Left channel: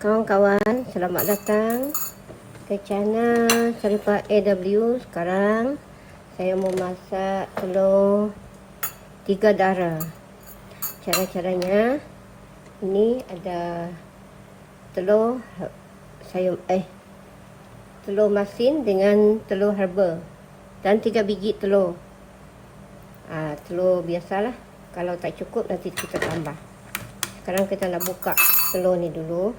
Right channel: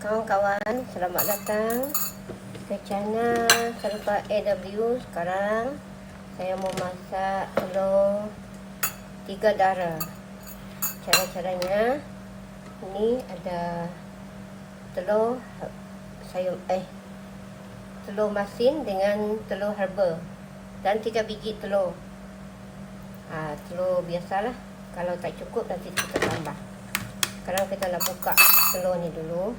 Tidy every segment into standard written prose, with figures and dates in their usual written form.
Kawan-kawan, selamat datang ke channel Serupa AW. Sekarang saya mau masak telur 3 darah. Cara-caranya, ini ada telur telur masin dengan telur herba dan 3 biji telur. Telur biasalah. Kalau tak cukup nanti kita tambah. Sekarang kita nak buka telur ni dulu.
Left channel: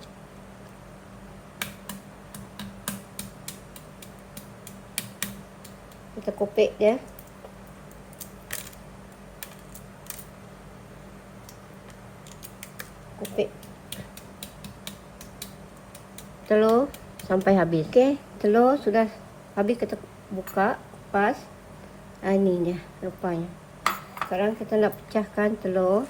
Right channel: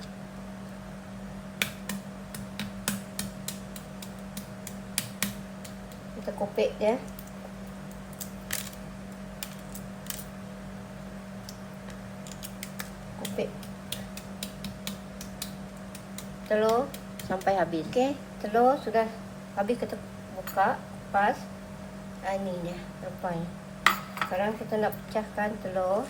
Kita kopek dia. Kopek telur sampai habis. Okey, telur sudah habis, kita buka pas. Ini dia rupanya. Sekarang kita nak pecahkan telur.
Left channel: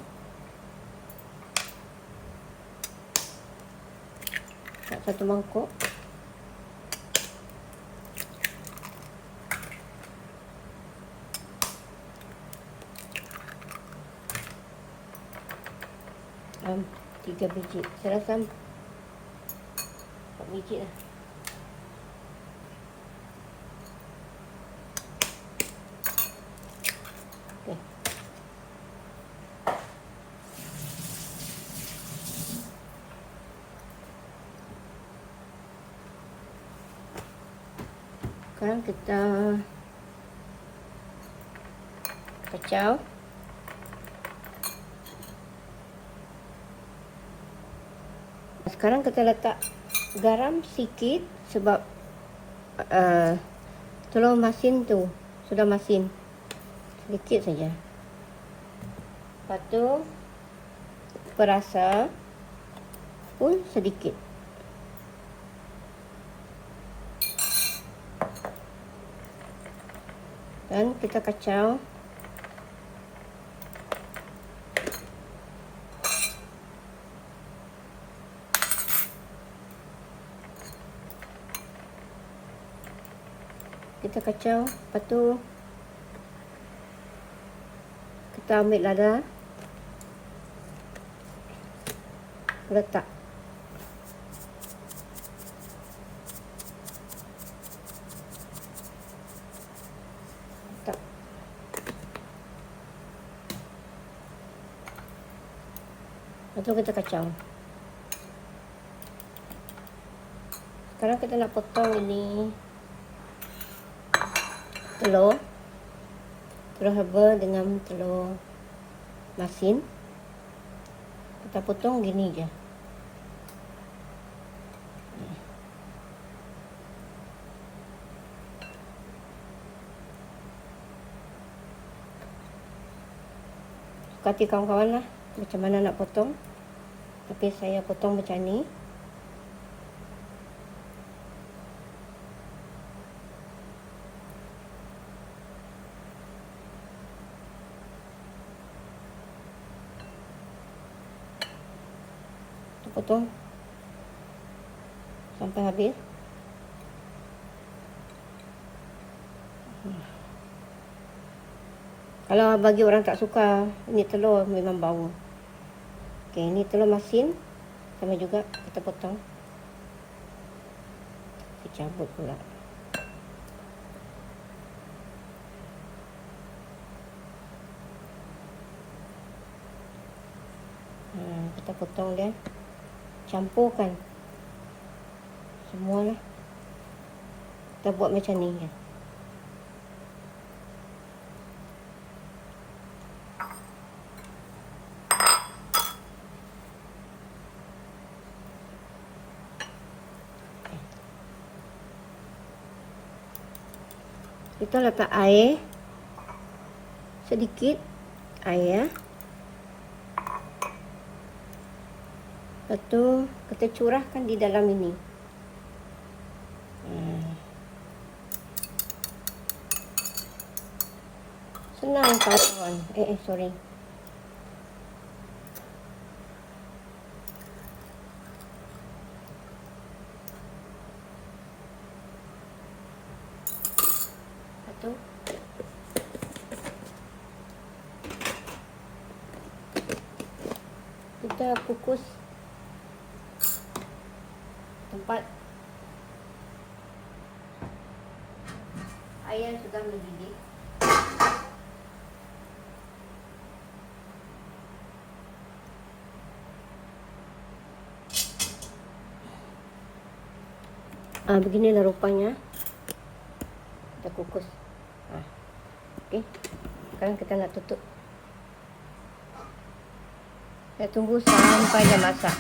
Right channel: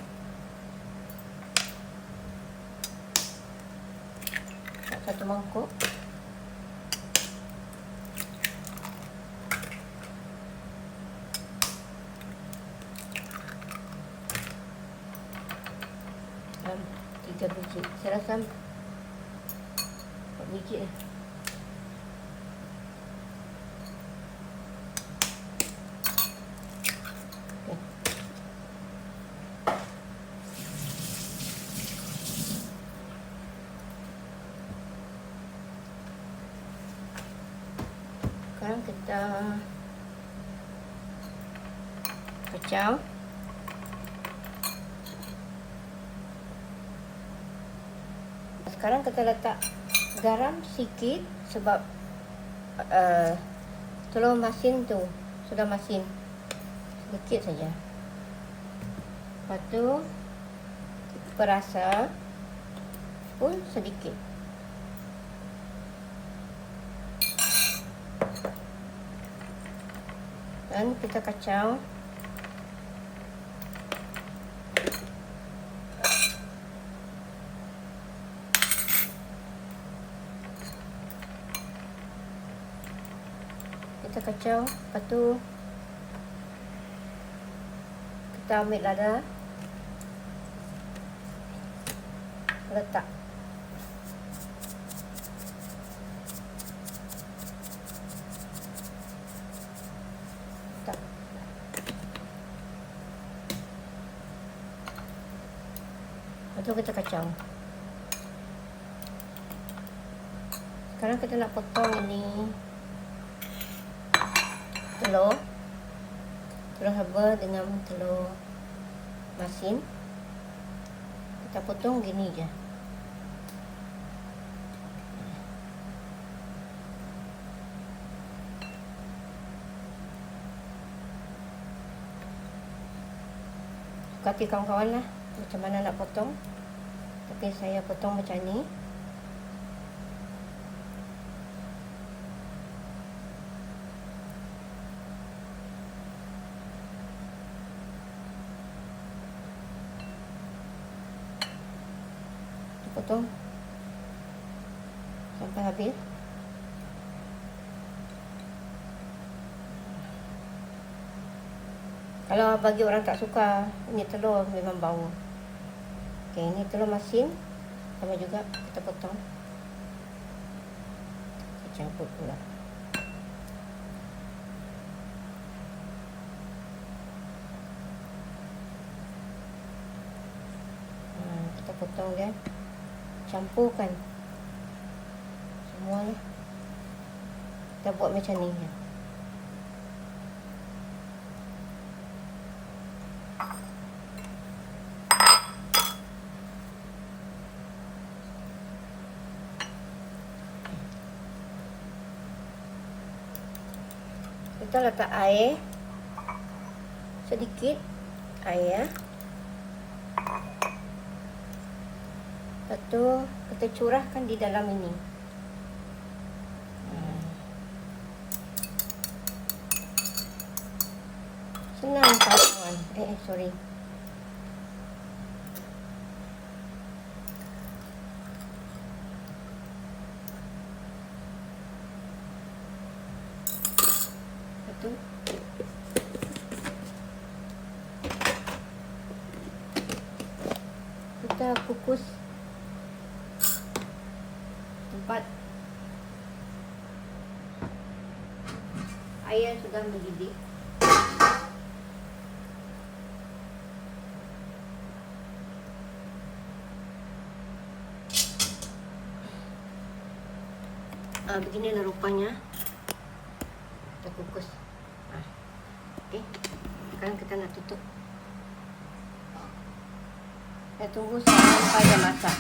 Satu mangkuk. Dan 3 biji. Saya rasa 4 biji lah. Okay. Sekarang kita kacau. Sekarang kita letak garam sikit sebab telur masin tu sudah masin. Sedikit saja. Lepas tu perasa pun sedikit. Dan kita kacau. Kita kacau, lepas tu kita ambil lada, letak. Letak. Lepas tu kita kacau. Sekarang kita nak potong ini telur herba dengan telur masin. Kita potong gini je. Sukati kawan-kawan lah macam mana nak potong, tapi saya potong macam ni. Potong sampai habis. Kalau bagi orang tak suka, ini telur memang bau. Okey, ini telur masin sama juga kita potong. Kita campur pula. Kita potong dia. Campurkan semuanya. Kita buat macam ni ya. Kita letak air sedikit, air. Lepas tu kita curahkan di dalam ini. Senang kawan. Sorry. Lepas tu kita kukus sudah mendidih. Beginilah rupanya. Kita kukus. Oke. Sekarang kita nak tutup. Kita tunggu sampai dia masak.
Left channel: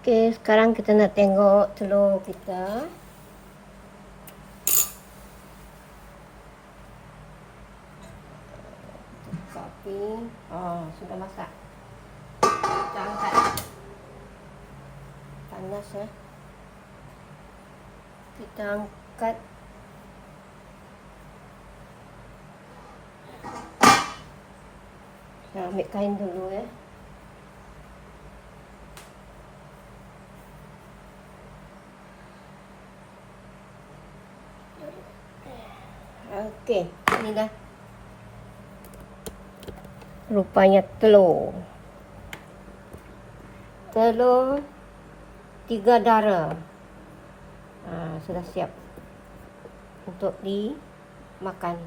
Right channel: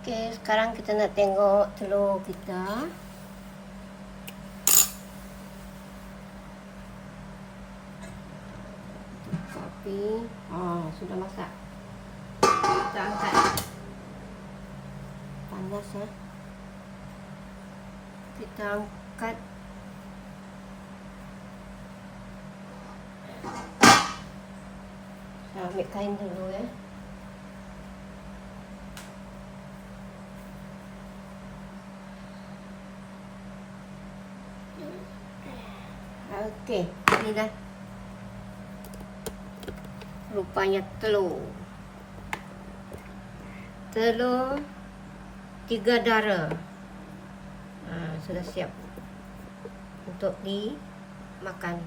Oke, sekarang kita nak tengok telur kita. Buka api. Sudah masak. Kita angkat. Panas ya. Kita angkat. Saya ambil kain dulu ya. Okey, ini dah rupanya telur. Telur 3 darah. Sudah siap untuk dimakan.